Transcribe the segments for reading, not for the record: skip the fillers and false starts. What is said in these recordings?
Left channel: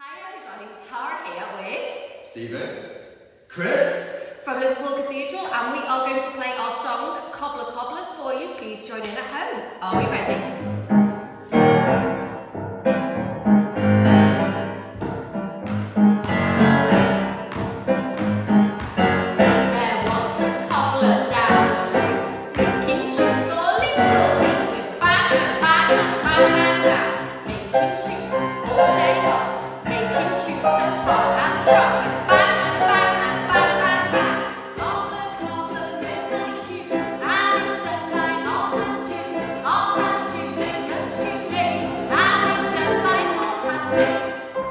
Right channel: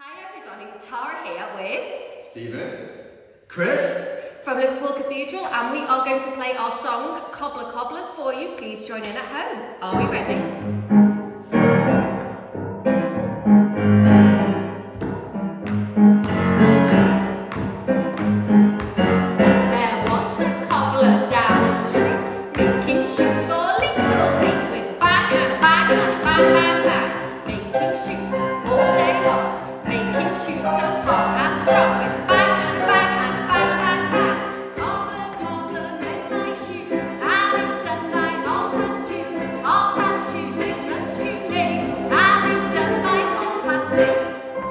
Hi everybody, Tara here with Stephen, Chris from Liverpool Cathedral, and we are going to play our song Cobbler Cobbler for you. Please join in at home. Are we ready? There was a cobbler down the street, making shoes for little feet with bang and bang and bang bang bang, making shoes all day long. Making shoes so hard and strong with bang and bang and bang bang bang. Cobbler, cobbler, made my shoe, and it done by 2:30. 2:30 is lunch shoe made, and it done by 8:30.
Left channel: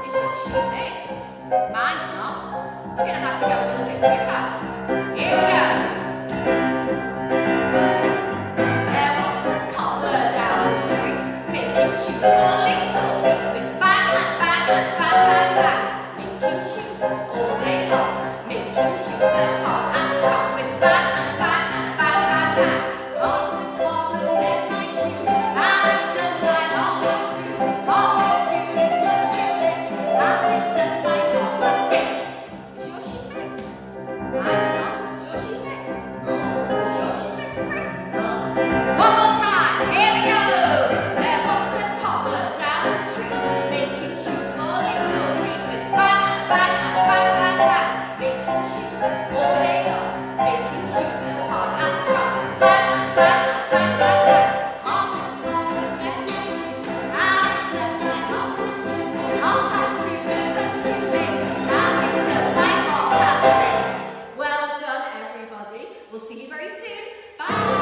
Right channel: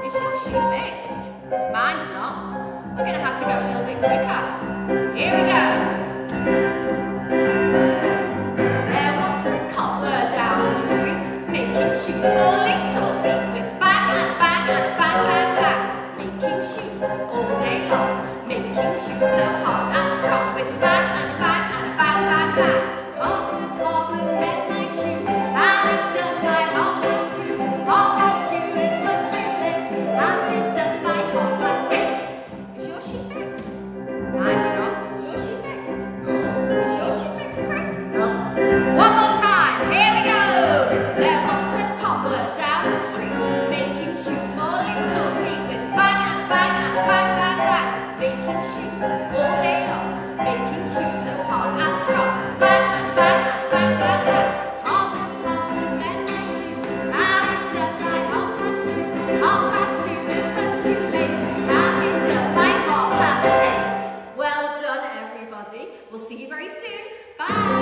Is your shoe fixed? Mine's not. We're gonna have to go a little bit quicker. Here we go. There was a cobbler down the street, making shoes for little feet with bang and bang and bang bang bang, making shoes all day long, making shoes so hard and strong with bang and bang and bang bang bang. Cobbler, cobbler, made my shoe, and it done by 2:30. 2:30 is much too late, and it done by 8:30. Is your shoe fixed? Mine's not. Is your shoe fixed? Is your shoe fixed, Chris? One more time. Here we go. There was a cobbler down the street, making shoes for little feet with bang and bang and bang bang bang, making shoes all day long, making shoes so hard and strong, bang and bang and bang bang bang. Cobbler, cobbler, made my shoe, and it done by 2:30. 2:30 is much too late, and it done by 8:30. Well done, everybody. We'll see you very soon. Bye.